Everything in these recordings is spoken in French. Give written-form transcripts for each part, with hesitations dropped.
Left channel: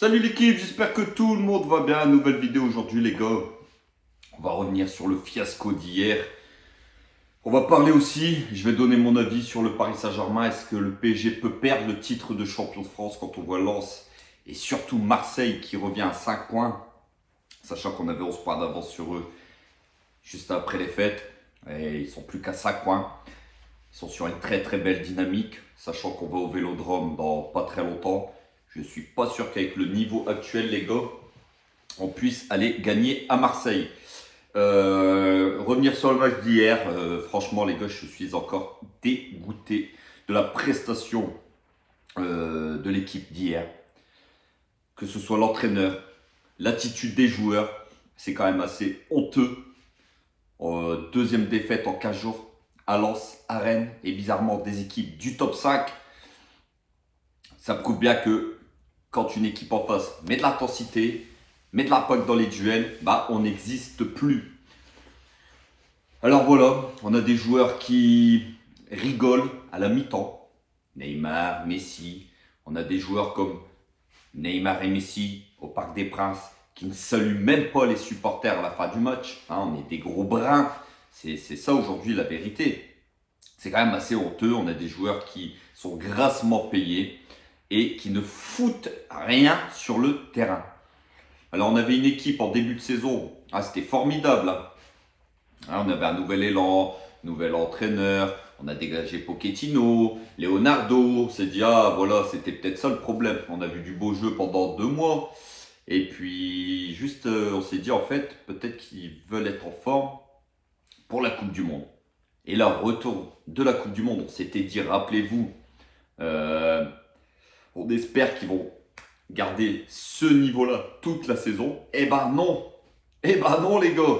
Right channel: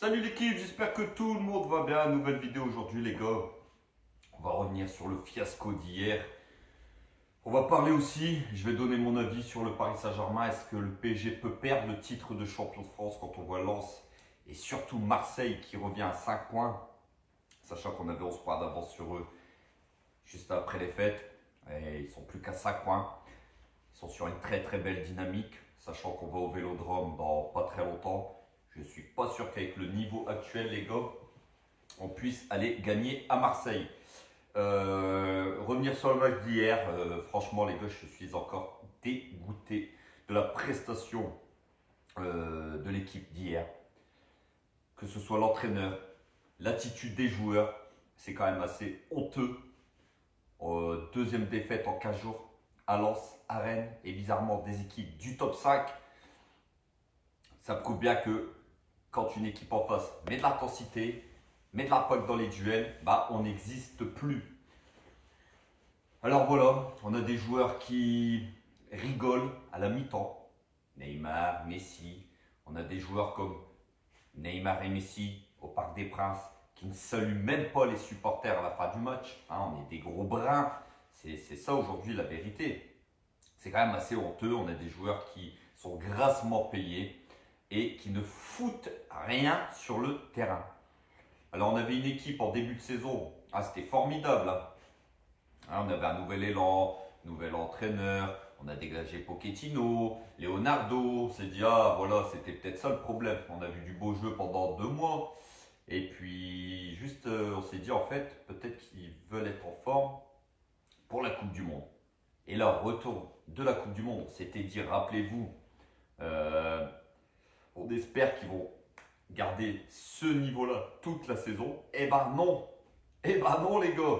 Salut l'équipe, j'espère que tout le monde va bien. Nouvelle vidéo aujourd'hui les gars. On va revenir sur le fiasco d'hier. On va parler aussi, je vais donner mon avis sur le Paris Saint-Germain. Est-ce que le PSG peut perdre le titre de champion de France quand on voit Lens et surtout Marseille qui revient à 5 points, sachant qu'on avait 11 points d'avance sur eux juste après les fêtes. Et ils sont plus qu'à 5 points. Ils sont sur une très très belle dynamique, sachant qu'on va au Vélodrome dans pas très longtemps. Je ne suis pas sûr qu'avec le niveau actuel, les gars, on puisse aller gagner à Marseille. Revenir sur le match d'hier, franchement, les gars, je suis encore dégoûté de la prestation de l'équipe d'hier. Que ce soit l'entraîneur, l'attitude des joueurs, c'est quand même assez honteux. Deuxième défaite en 15 jours à Lens, à Rennes, et bizarrement des équipes du top 5. Ça prouve bien que quand une équipe en face met de l'intensité, met de l'impact dans les duels, bah on n'existe plus. Alors voilà, on a des joueurs qui rigolent à la mi-temps. Neymar, Messi. On a des joueurs comme Neymar et Messi au Parc des Princes qui ne saluent même pas les supporters à la fin du match. Hein, on est des gros brins. C'est ça aujourd'hui la vérité. C'est quand même assez honteux. On a des joueurs qui sont grassement payés et qui ne foutent rien sur le terrain. Alors on avait une équipe en début de saison, c'était formidable. Hein, on avait un nouvel élan, nouvel entraîneur, on a dégagé Pochettino, Leonardo, on s'est dit ah voilà c'était peut-être ça le problème. On a vu du beau jeu pendant 2 mois et puis juste on s'est dit en fait peut-être qu'ils veulent être en forme pour la Coupe du Monde. Et là retour de la Coupe du Monde, on s'était dit rappelez-vous, euh, on espère qu'ils vont garder ce niveau-là toute la saison. Eh ben non. Eh ben non les gars.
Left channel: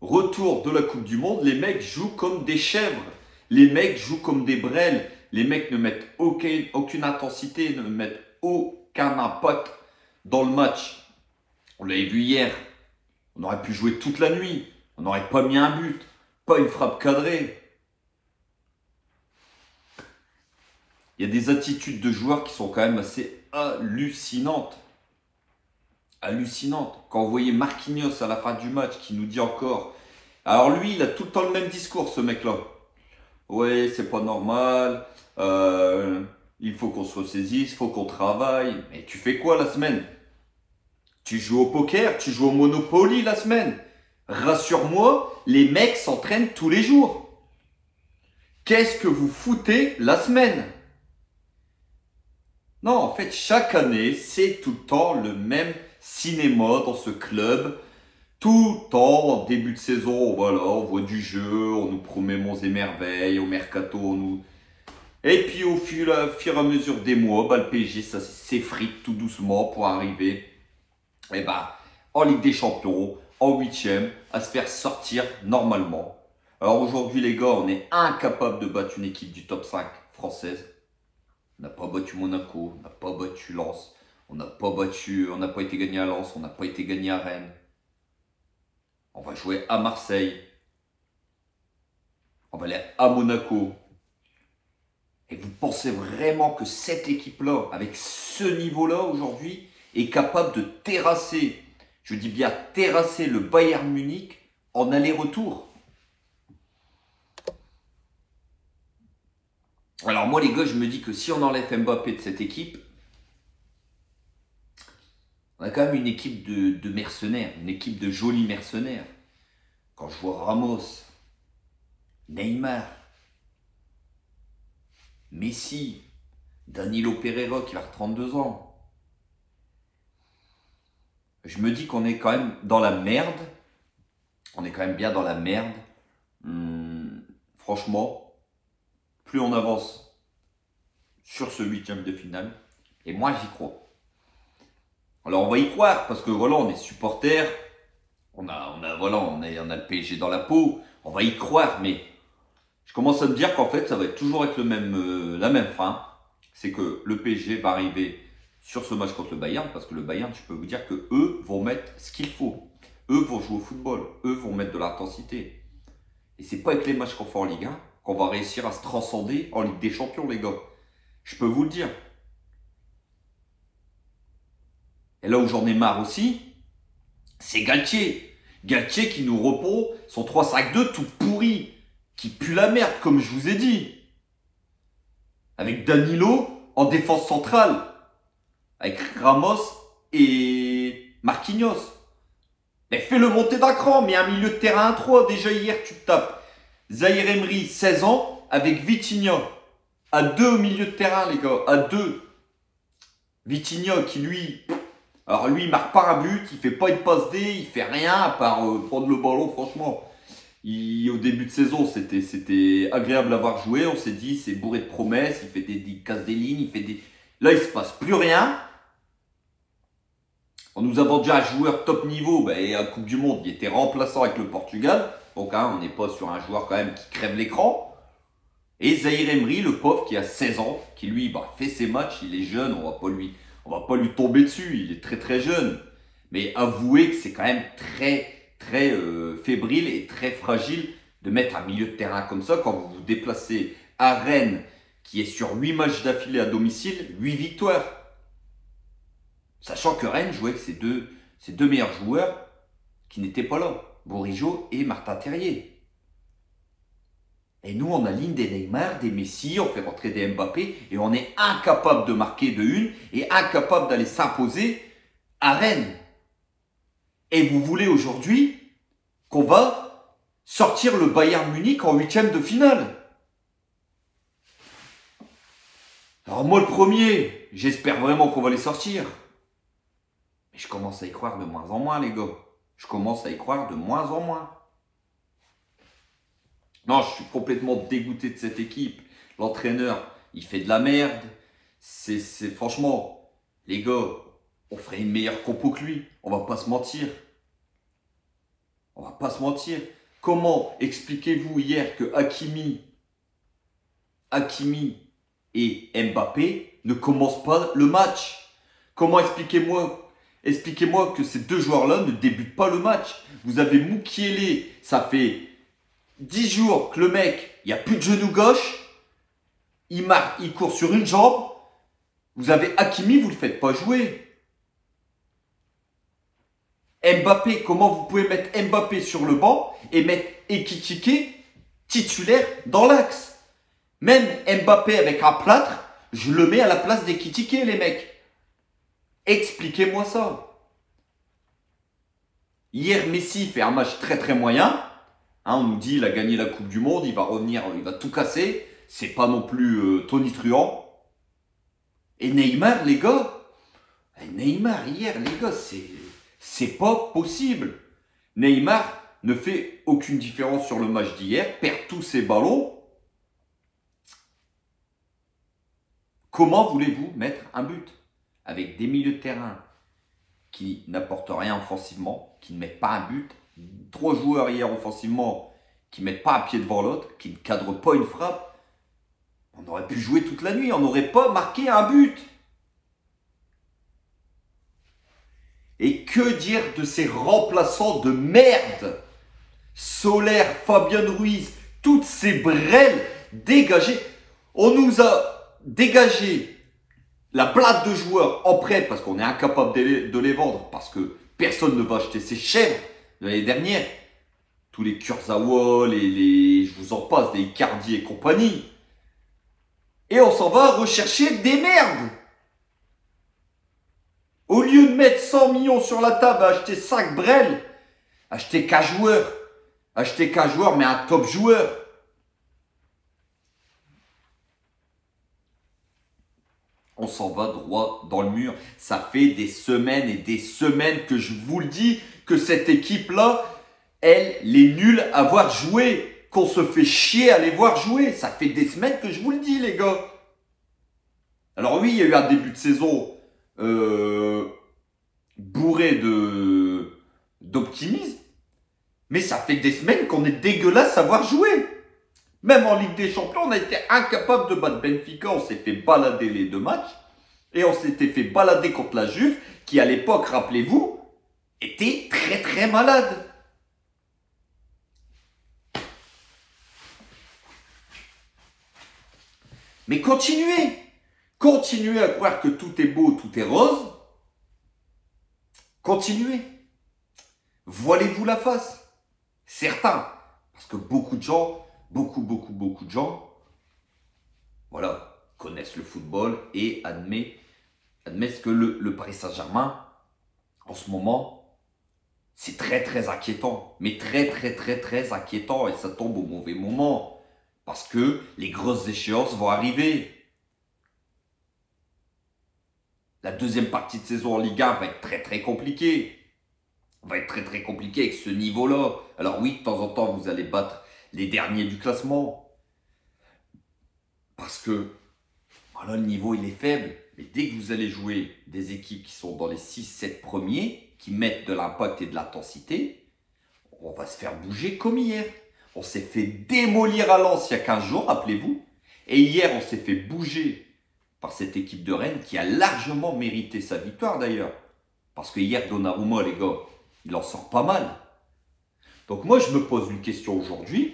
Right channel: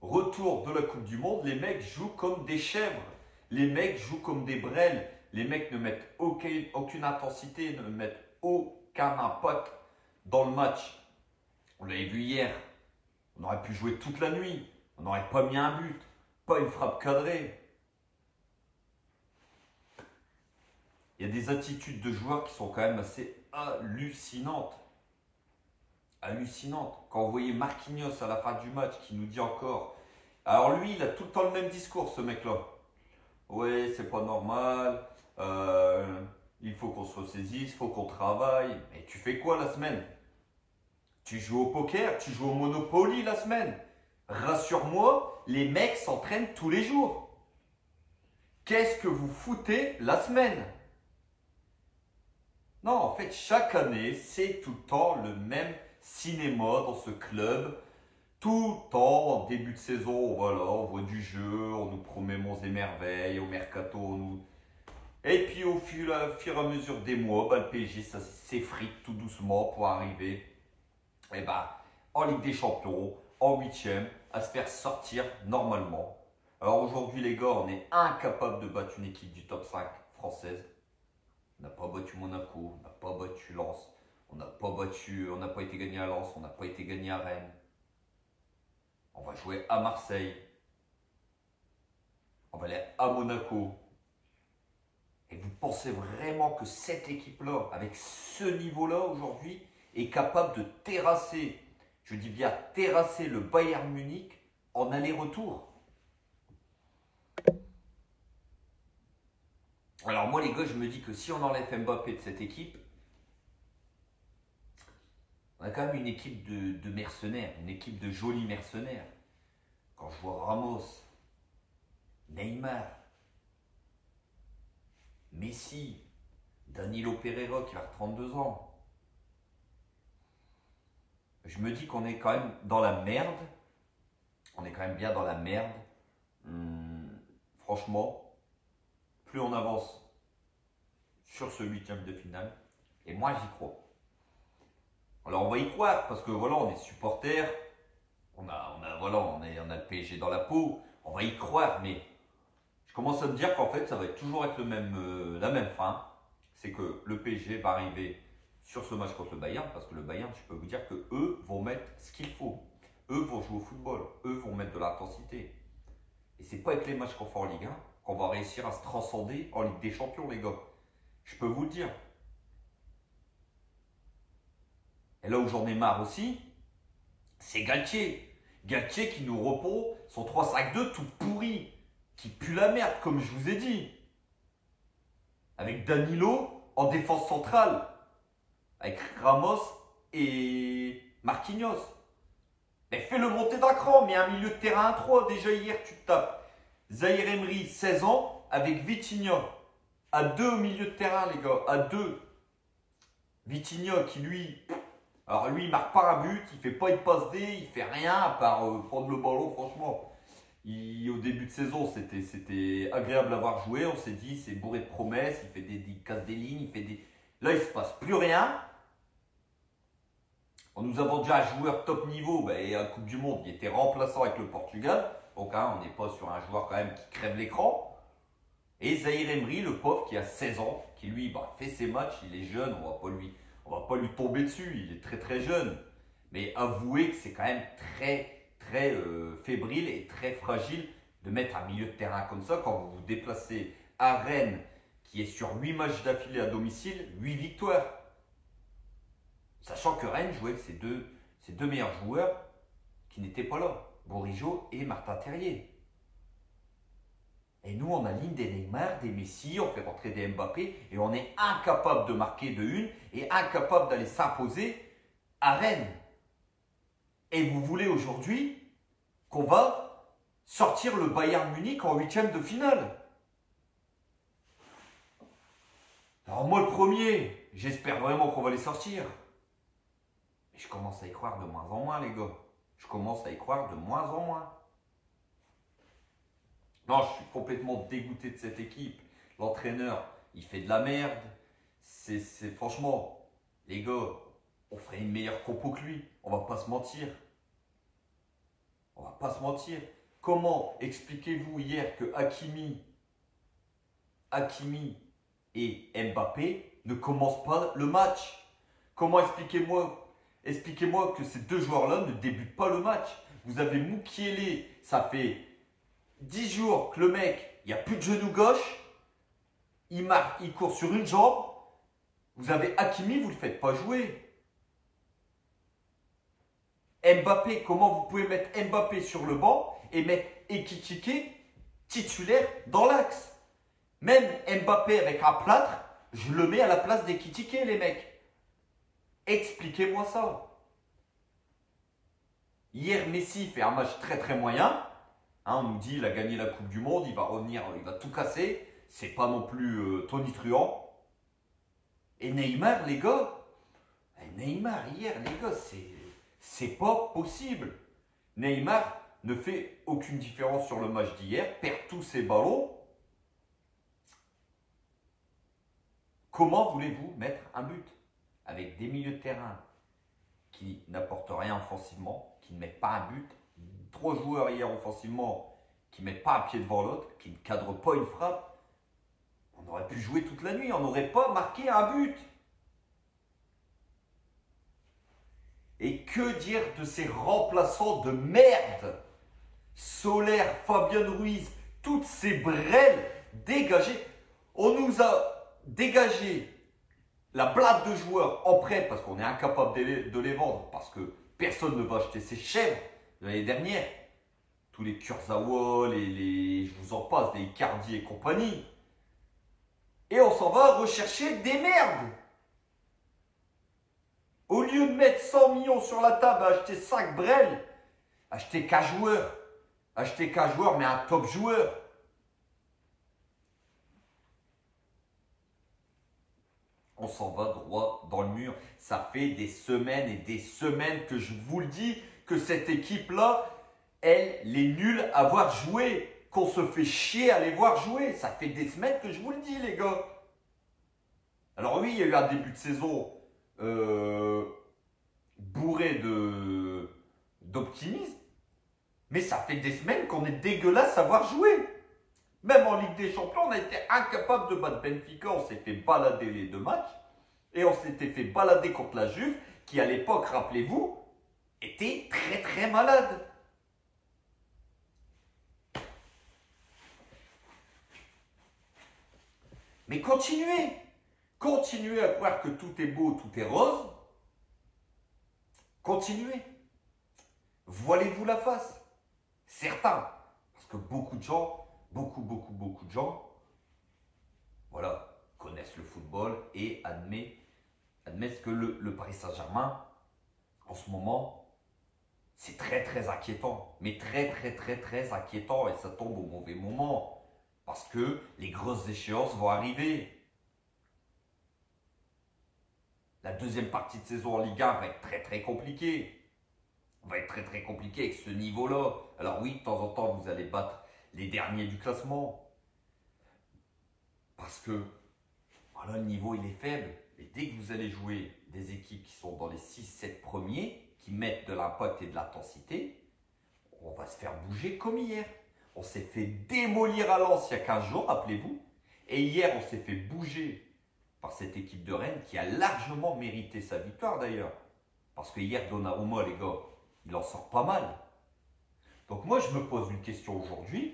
Retour de la Coupe du Monde, les mecs jouent comme des chèvres. Les mecs jouent comme des brêles. Les mecs ne mettent aucune intensité, ne mettent aucun impact dans le match. On l'avait vu hier. On aurait pu jouer toute la nuit. On n'aurait pas mis un but. Pas une frappe cadrée. Il y a des attitudes de joueurs qui sont quand même assez hallucinantes. Hallucinantes. Quand vous voyez Marquinhos à la fin du match qui nous dit encore. Alors lui, il a tout le temps le même discours, ce mec-là. Ouais, c'est pas normal. Il faut qu'on se ressaisisse, il faut qu'on travaille. Mais tu fais quoi la semaine? Tu joues au poker, tu joues au Monopoly la semaine. Rassure-moi, les mecs s'entraînent tous les jours. Qu'est-ce que vous foutez la semaine? Non, en fait, chaque année, c'est tout le temps le même cinéma dans ce club. Tout le temps, en début de saison, voilà, on voit du jeu, on nous promet monts et merveilles, au mercato, on nous... Et puis au fur et à mesure des mois, bah, le PSG, ça s'effrite tout doucement pour arriver en Ligue des Champions, en huitième, à se faire sortir normalement. Alors aujourd'hui, les gars, on est incapable de battre une équipe du top 5 française. On n'a pas battu Monaco, on n'a pas battu Lens, on n'a pas été gagné à Lens, on n'a pas été gagné à Rennes. On va jouer à Marseille. On va aller à Monaco. Et vous pensez vraiment que cette équipe-là, avec ce niveau-là aujourd'hui, est capable de terrasser, je dis bien terrasser le Bayern Munich en aller-retour? Alors moi les gars, je me dis que si on enlève Mbappé de cette équipe, on a quand même une équipe de mercenaires, une équipe de jolis mercenaires. Quand je vois Ramos, Neymar, Messi, Danilo Pereira qui va avoir 32 ans, je me dis qu'on est quand même dans la merde. On est quand même bien dans la merde. Franchement, plus on avance sur ce huitième de finale, et moi j'y crois. Alors on va y croire parce que voilà, on est supporters, on a le PSG dans la peau, on va y croire, mais je commence à me dire qu'en fait ça va être toujours avec la même fin. C'est que le PSG va arriver sur ce match contre le Bayern, parce que le Bayern, je peux vous dire que eux vont mettre ce qu'il faut. Eux vont jouer au football, eux vont mettre de l'intensité. Et c'est pas avec les matchs qu'on fait en Ligue 1 qu'on va réussir à se transcender en Ligue des Champions, les gars. Je peux vous le dire. et là où j'en ai marre aussi, c'est Galtier. Galtier qui nous repond son 3-5-2 tout pourri, qui pue la merde, comme je vous ai dit. Avec Danilo en défense centrale, avec Ramos et Marquinhos. Mais fais-le monter d'un cran, mais un milieu de terrain à 3. Déjà hier, tu te tapes Zaïre Emery, 16 ans, avec Vitinha. À 2 au milieu de terrain, les gars, à 2. Vitinha qui, lui, alors lui, il marque pas un but, il fait pas une passe D, il fait rien à part prendre le ballon, franchement. Au début de saison, c'était agréable à voir jouer. On s'est dit, c'est bourré de promesses, il casse des lignes, il fait des... Là, il se passe plus rien. On nous a vendu un joueur top niveau, et à la Coupe du Monde, il était remplaçant avec le Portugal. Donc, on n'est pas sur un joueur quand même qui crève l'écran. Et Zaïre Emery, le pauvre qui a 16 ans, qui lui fait ses matchs, il est jeune, on va pas lui tomber dessus, il est très très jeune. Mais avouez que c'est quand même très très fébrile et très fragile de mettre un milieu de terrain comme ça quand vous vous déplacez à Rennes, qui est sur 8 matchs d'affilée à domicile, 8 victoires. Sachant que Rennes jouait avec ses deux meilleurs joueurs qui n'étaient pas là, Bourigeaud et Martin Terrier. Et nous, on aligne des Neymar, des Messi, on fait rentrer des Mbappé et on est incapable de marquer de une et incapable d'aller s'imposer à Rennes. Et vous voulez aujourd'hui qu'on va sortir le Bayern Munich en 8e de finale. Alors moi, le premier, j'espère vraiment qu'on va les sortir. Mais je commence à y croire de moins en moins, les gars. Je commence à y croire de moins en moins. Non, je suis complètement dégoûté de cette équipe. L'entraîneur, il fait de la merde. Franchement, les gars, on ferait une meilleure compo que lui. On va pas se mentir. On va pas se mentir. Comment expliquez-vous hier que Hakimi et Mbappé ne commencent pas le match? Comment expliquez-moi que ces deux joueurs-là ne débutent pas le match? Vous avez Mukiele, ça fait 10 jours que le mec, il n'y a plus de genou gauche, il court sur une jambe. Vous avez Hakimi, vous ne le faites pas jouer. Mbappé, comment vous pouvez mettre Mbappé sur le banc et mettre Ekitike titulaire dans l'axe? Même Mbappé avec un plâtre, je le mets à la place d'Ekitike, les mecs. Expliquez-moi ça. Hier, Messi fait un match très très moyen. On nous dit il a gagné la Coupe du Monde, il va revenir, il va tout casser. C'est pas non plus Tony Truant. Et Neymar, les gars, Neymar hier, les gars, c'est pas possible. Neymar ne fait aucune différence sur le match d'hier, perd tous ses ballons. Comment voulez-vous mettre un but avec des milieux de terrain qui n'apportent rien offensivement, qui ne mettent pas un but? 3 joueurs hier offensivement qui ne mettent pas un pied devant l'autre, qui ne cadrent pas une frappe. On aurait pu jouer toute la nuit, on n'aurait pas marqué un but. Et que dire de ces remplaçants de merde? Solaire, Fabien Ruiz, toutes ces brêles dégagées. On nous a dégagé la plate de joueurs en prêt parce qu'on est incapable de les vendre, parce que personne ne va acheter ces chèvres de l'année dernière. Tous les Kurzawa, je vous en passe, des Icardi et compagnie. Et on s'en va rechercher des merdes. Au lieu de mettre 100 millions sur la table à acheter 5 brels, achetez qu'un joueur. Achetez qu'un joueur, mais un top joueur. On s'en va droit dans le mur. Ça fait des semaines et des semaines que je vous le dis, que cette équipe-là, elle est nulle à voir jouer. Qu'on se fait chier à les voir jouer. Ça fait des semaines que je vous le dis, les gars. Alors oui, il y a eu un début de saison bourré d'optimisme. Mais ça fait des semaines qu'on est dégueulasse à voir jouer. Même en Ligue des Champions, on a été incapable de battre Benfica. On s'est fait balader les 2 matchs. Et on s'était fait balader contre la Juve, qui à l'époque, rappelez-vous, était très très malade. Mais continuez à croire que tout est beau, tout est rose. Continuez. Voilez-vous la face. Certains. Parce que beaucoup de gens, beaucoup de gens, voilà, connaissent le football et admettent que le Paris Saint-Germain, en ce moment, c'est très inquiétant. Mais très inquiétant. Et ça tombe au mauvais moment. Parce que les grosses échéances vont arriver. La deuxième partie de saison en Ligue 1 va être très compliquée. Va être très compliquée avec ce niveau-là. Alors oui, de temps en temps, vous allez battre les derniers du classement. Parce que, voilà, le niveau, il est faible. Mais dès que vous allez jouer des équipes qui sont dans les 6-7 premiers, qui mettent de l'impact et de l'intensité, on va se faire bouger comme hier. On s'est fait démolir à Lens il y a 15 jours, rappelez-vous. Et hier, on s'est fait bouger par cette équipe de Rennes qui a largement mérité sa victoire d'ailleurs. Parce que hier, Donnarumma, les gars, il en sort pas mal. Donc moi, je me pose une question aujourd'hui.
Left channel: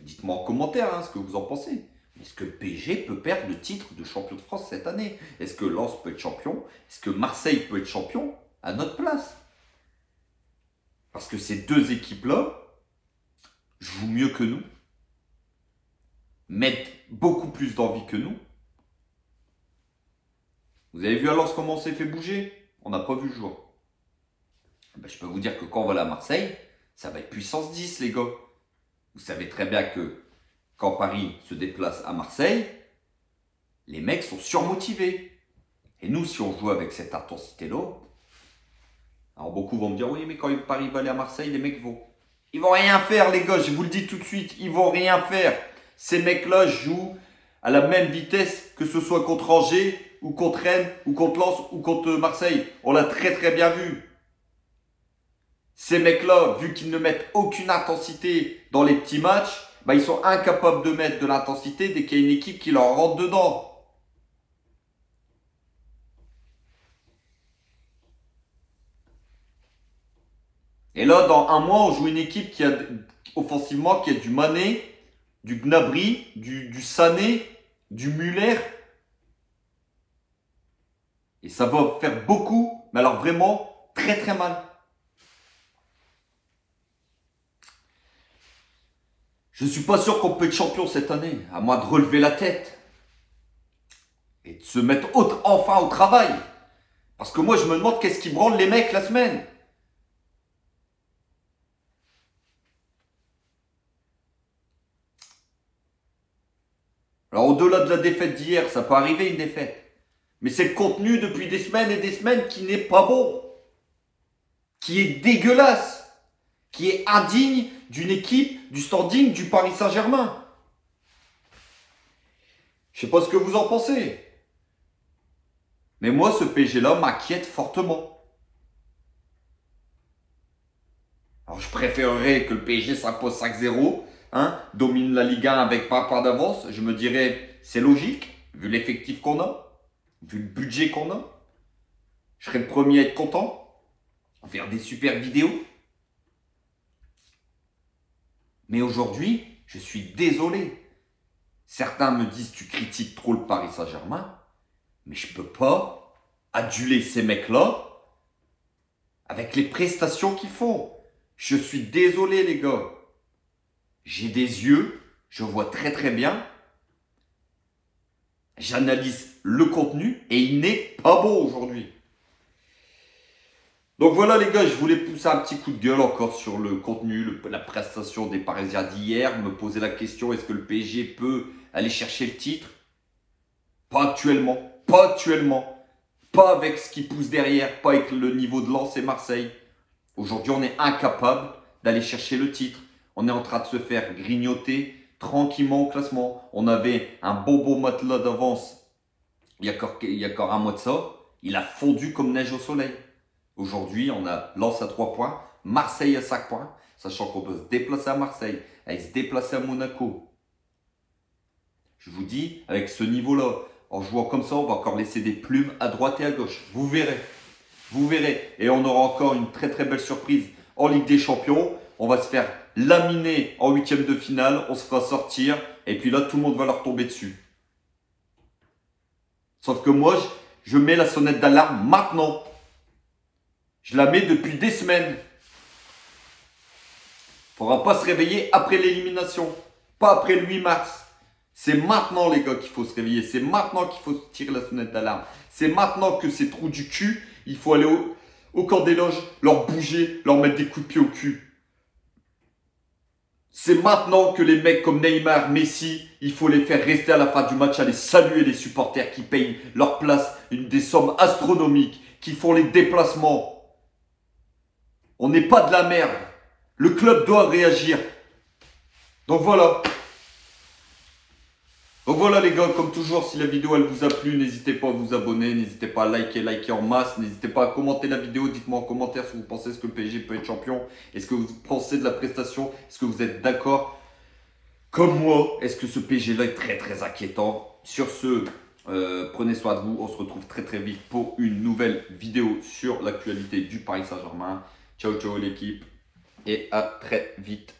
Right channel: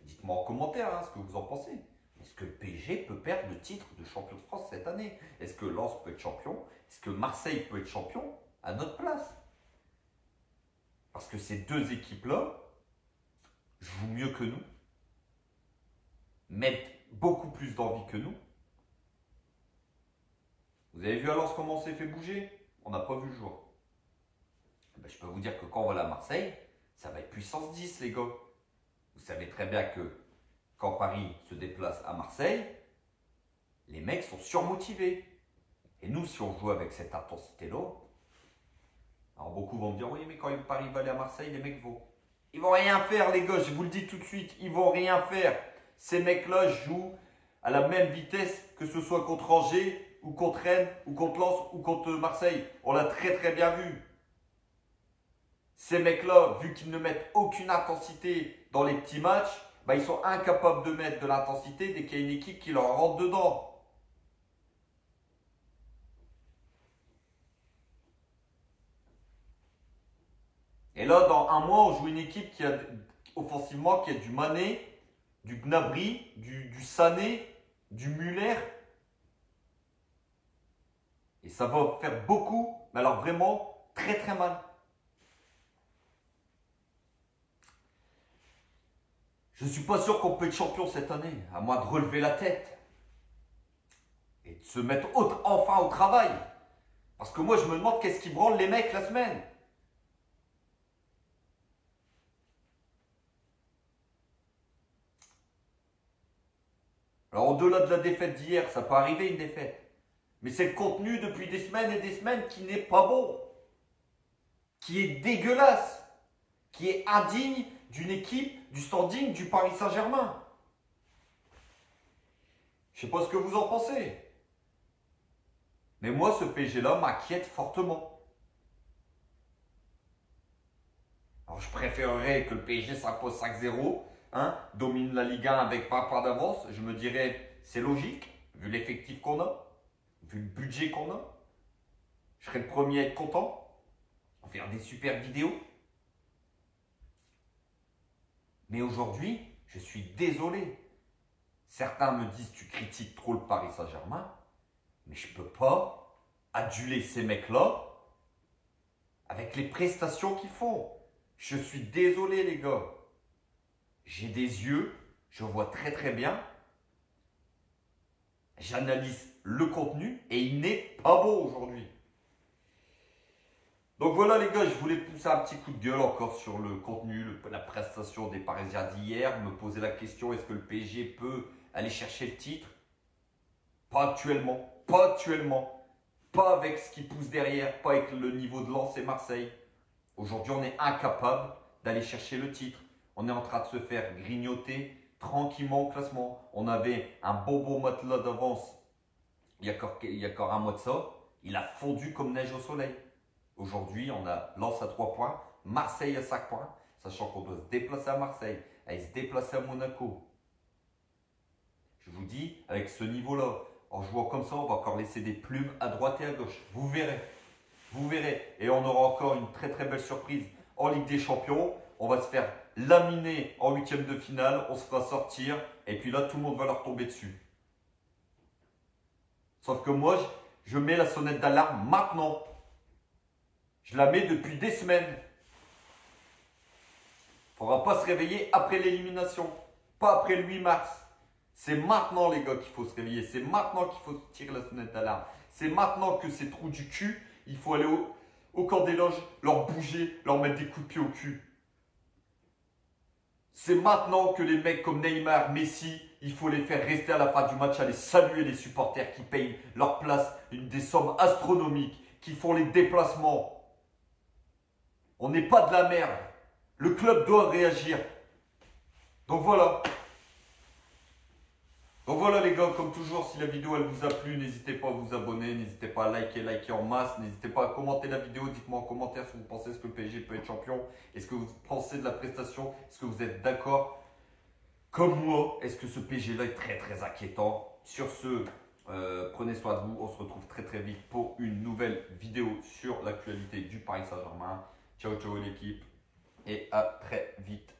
Dites-moi en commentaire ce que vous en pensez. Est-ce que le PSG peut perdre le titre de champion de France cette année? Est-ce que Lens peut être champion? Est-ce que Marseille peut être champion à notre place? Parce que ces deux équipes-là jouent mieux que nous, mettent beaucoup plus d'envie que nous. Vous avez vu à Lens comment on s'est fait bouger? On n'a pas vu le jour. Ben, je peux vous dire que quand on va à Marseille, ça va être puissance 10, les gars. Vous savez très bien que quand Paris se déplace à Marseille, les mecs sont surmotivés. Et nous, si on joue avec cette intensité-là, alors beaucoup vont me dire, oui, mais quand Paris va aller à Marseille, les mecs vont. Ils vont rien faire, les gars, je vous le dis tout de suite, ils vont rien faire. Ces mecs-là jouent à la même vitesse que ce soit contre Angers, ou contre Rennes, ou contre Lens, ou contre Marseille. On l'a très bien vu. Ces mecs-là, vu qu'ils ne mettent aucune intensité dans les petits matchs, bah, ils sont incapables de mettre de l'intensité dès qu'il y a une équipe qui leur rentre dedans. Et là, dans un mois, on joue une équipe qui a, offensivement, qui a du Mané, du Gnabry, du Sané, du Muller. Et ça va faire beaucoup, mais alors vraiment très mal. Je ne suis pas sûr qu'on peut être champion cette année, à moins de relever la tête. Et de se mettre enfin au travail. Parce que moi, je me demande qu'est-ce qui branle les mecs la semaine. Alors, au-delà de la défaite d'hier, ça peut arriver une défaite. Mais c'est le contenu depuis des semaines et des semaines qui n'est pas bon. Qui est dégueulasse. Qui est indigne d'une équipe du standing du Paris Saint-Germain. Je ne sais pas ce que vous en pensez. Mais moi, ce PSG-là m'inquiète fortement. Alors, je préférerais que le PSG s'impose 5-0, domine la Ligue 1 avec pas un point d'avance. Je me dirais, c'est logique, vu l'effectif qu'on a, vu le budget qu'on a. Je serais le premier à être content, faire des super vidéos. Mais aujourd'hui, je suis désolé. Certains me disent, tu critiques trop le Paris Saint-Germain, mais je ne peux pas aduler ces mecs-là avec les prestations qu'ils font. Je suis désolé, les gars. J'ai des yeux, je vois très bien. J'analyse le contenu et il n'est pas bon aujourd'hui. Donc voilà les gars, je voulais pousser un petit coup de gueule encore sur le contenu, la prestation des Parisiens d'hier. Me poser la question, est-ce que le PSG peut aller chercher le titre? Pas actuellement, pas avec ce qui pousse derrière, pas avec le niveau de Lens et Marseille. Aujourd'hui, on est incapable d'aller chercher le titre. On est en train de se faire grignoter tranquillement au classement. On avait un beau matelas d'avance il y a encore un mois de ça. Il a fondu comme neige au soleil. Aujourd'hui, on a Lens à 3 points, Marseille à 5 points, sachant qu'on doit se déplacer à Marseille, aller se déplacer à Monaco. Je vous dis, avec ce niveau-là, en jouant comme ça, on va encore laisser des plumes à droite et à gauche. Vous verrez. Vous verrez. Et on aura encore une très belle surprise en Ligue des Champions. On va se faire laminer en huitième de finale. On se fera sortir. Et puis là, tout le monde va leur tomber dessus. Sauf que moi, je mets la sonnette d'alarme maintenant. Je la mets depuis des semaines. Il ne faudra pas se réveiller après l'élimination. Pas après le 8 mars. C'est maintenant, les gars, qu'il faut se réveiller. C'est maintenant qu'il faut tirer la sonnette d'alarme. C'est maintenant que ces trous du cul, il faut aller au camp des loges, leur bouger, leur mettre des coups de pied au cul. C'est maintenant que les mecs comme Neymar, Messi, il faut les faire rester à la fin du match, aller saluer les supporters qui payent leur place des sommes astronomiques, qui font les déplacements. On n'est pas de la merde. Le club doit réagir. Donc voilà. Donc voilà les gars, comme toujours, si la vidéo elle vous a plu, n'hésitez pas à vous abonner, n'hésitez pas à liker en masse, n'hésitez pas à commenter la vidéo, dites-moi en commentaire si vous pensez que le PSG peut être champion, est-ce que vous pensez de la prestation, est-ce que vous êtes d'accord comme moi, est-ce que ce PSG là est très très inquiétant. Sur ce, prenez soin de vous, on se retrouve très très vite pour une nouvelle vidéo sur l'actualité du Paris Saint-Germain. Ciao ciao l'équipe et à très vite.